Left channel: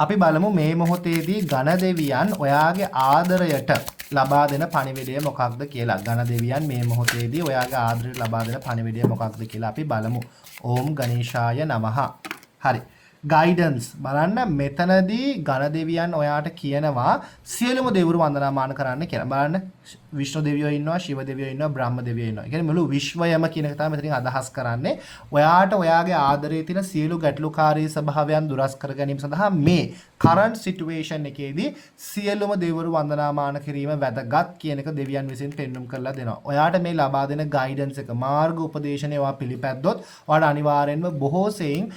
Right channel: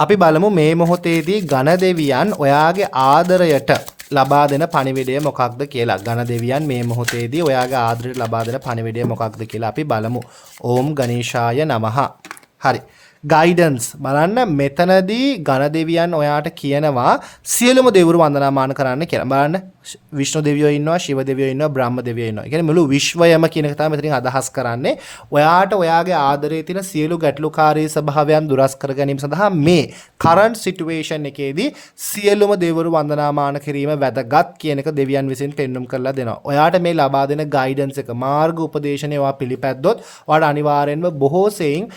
අපි බලමු මේ මොහොතේදී ඝන දෙවියන් ඔයාගේ ආදරයට ලබා දෙන පණිවිඩය මොකක්ද කියලා. ඝන දෙවියන් මේ මොහොතේදී ඔයාගේ ආදරයට ලබා දෙන පණිවිඩය මොකක්ද කියලා අපි බලමු. ඕම් ගණේශාය නමः. හරි. ගයිඩන්ස් බලන්න මෙතනදී ඝන දෙවියන් ඔයාට කියනවා සියලුම දෙවිවරු වන්දනාමාන කරන්න කියලා. බලන්න විෂ්ණු දෙවියෝ ඉන්නවා, ශිව දෙවියෝ ඉන්නවා, බ්‍රහ්ම දෙවියෝ ඉන්නවා. ඒ කියන්නේ මුළු විශ්වයම කියන එක තමයි මෙතනින් අදහස් කරන්නේ. ඔයාට ඔයාගේ ආදරයේ තියෙන සියලු ගැටලුකාරී ස්වභාවයන් දුරස් කර ගැනීම සඳහා මේ current situation එකේදී සියලුම දෙවිවරු වන්දනාමාන කිරීම වැදගත් කියන එක දෙවියන් විසින් පෙන්වුම් කරලා දෙනවා. ඔයාට මේ ලබා දෙන ගයිඩන්ස් එක මාර්ග උපදේශනය ඔයා පිළිපැද්දොත් ඔයාට අනිවාර්යෙන්ම බොහෝ සෙයින්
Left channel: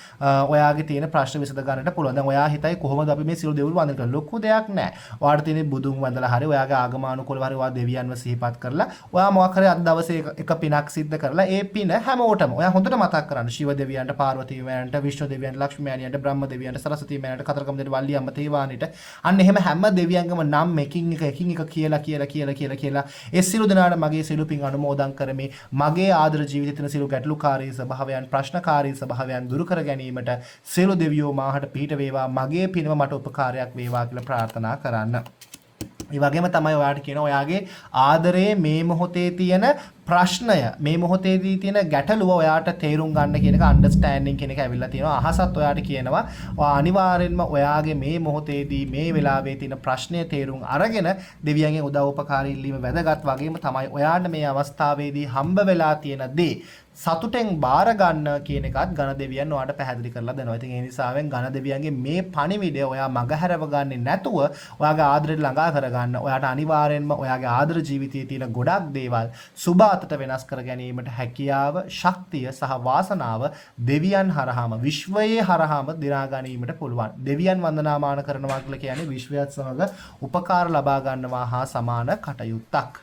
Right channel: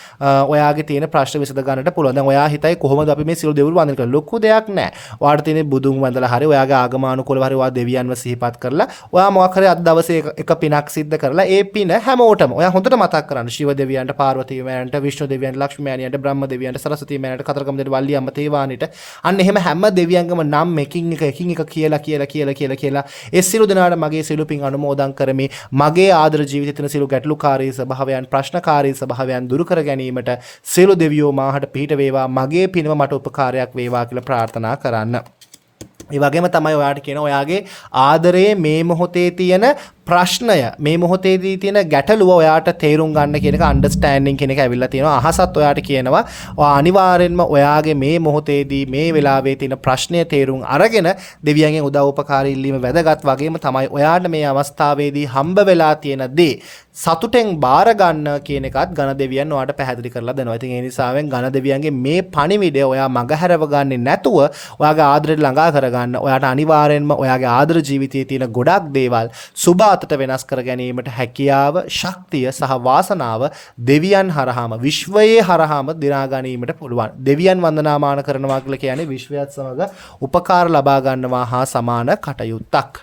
ඔයාගේ තියෙන ප්‍රශ්න විසඳ ගන්නට පුළුවන්. දැන් ඔයා හිතයි කොහොමද අපි මේ සියලු දෙවිවරු වන්දනා කරන්නේ? ලොකු දෙයක් නෑ. ඔයාට තියෙන බුදුන් වන්දලා හරි ඔයාගේ ආගමානුකූලව හරි ඔයා දෙවියන්ව සිහිපත් කරලා ඔයා මොකක් හරි අද දවසේ එක පිනක් සිද්ධ කරලා ඒ පින හැමෝටම ඔයා හොඳට මතක් කරන්න. ශිව දෙවියන්ට, පාර්වතී මෑණියන්ට, විෂ්ණු දෙවියන්ට, ලක්ෂ්මී මෑණියන්ට, බ්‍රහ්ම දෙවියන්ට, සරස්වතී මෑණියන්ට, කතරගම දෙවියන්ට, වල්ලි අම්ම තේවානිට අන්න එහෙම හැම දෙවියන්ගම නම් එකින් එක කියලා ඒ සියලු දෙනාට මගේ සියලු පින් අනුමෝදන් කරමි. මගේ ආදර ජීවිතේ තියෙන සියලු ගැටලුකාරී ස්වභාවයන්, ප්‍රශ්නකාරී ස්වභාවයන් දුරු කර ගැනීමට සියලු දෙවියෝ මාහට පිහිට වේවා. මගේ පිනම මට උපකාරයක් වේවා කියලා ප්‍රාර්ථනා කරන්න. ඒ වගේම තමයි ඔයාට කියන ඔයාගේ ආදරයේ මේ මොහොතේ තියෙන ප්‍රශ්නය, මේ මොහොතේදී තියෙන ගැටලුව ඔයාට තේරුම් ගන්න කියන එක අන්ඩර්ස්ටෑන්ඩින් කියන එක ඇවිල්ලා තියෙනවා. අහසත් ඔයාට කියනවා ඔයා අනිවාර්යෙන්ම ඔයාගේ මේ මොහොතේදී මේ වෙලාවේ තියෙන ප්‍රශ්නය තේරුම් අරගෙන දෙවියන්ගෙන් උදව් උපකාර ඉල්ලීම වැදගත්. වගේම තමයි ඔයාට මේ අවස්ථාවේදී හම්බ වෙලා තියෙන දේ සතුටෙන් බාර ගන්න කියන එකත් ඝන දෙවියන් ඔයාට පැහැදිලි කරලා දෙනවා. ඉතින් ඒ නිසාවෙන් ඝන දෙවියන්ගේ මේ පණිවිඩය ඔයා මගහැරව ගන්නේ නැතුව ඔයාගේ ආදරයට ළඟා කරගන්න. ඔයාට අනිවාර්යෙන්ම ඔයාගේ ආදර ජීවිතයේ තියෙන ගොඩක් දේවල් සුබ අතට වෙනස් කර ගැනීමට හැකියාව, ශක්තිය සහ වාසනාව දෙවියන් හරහාම, විශ්වයේ හරහාම දිනා ගැනීමට පුළුවන්. දෙවියන් වන්දනාමාන කරනවා කියලා කියන්නේ විශ්වයත් සමග උපකාර ලබා ගන්නවා හා සමාන කටයුත්තක්.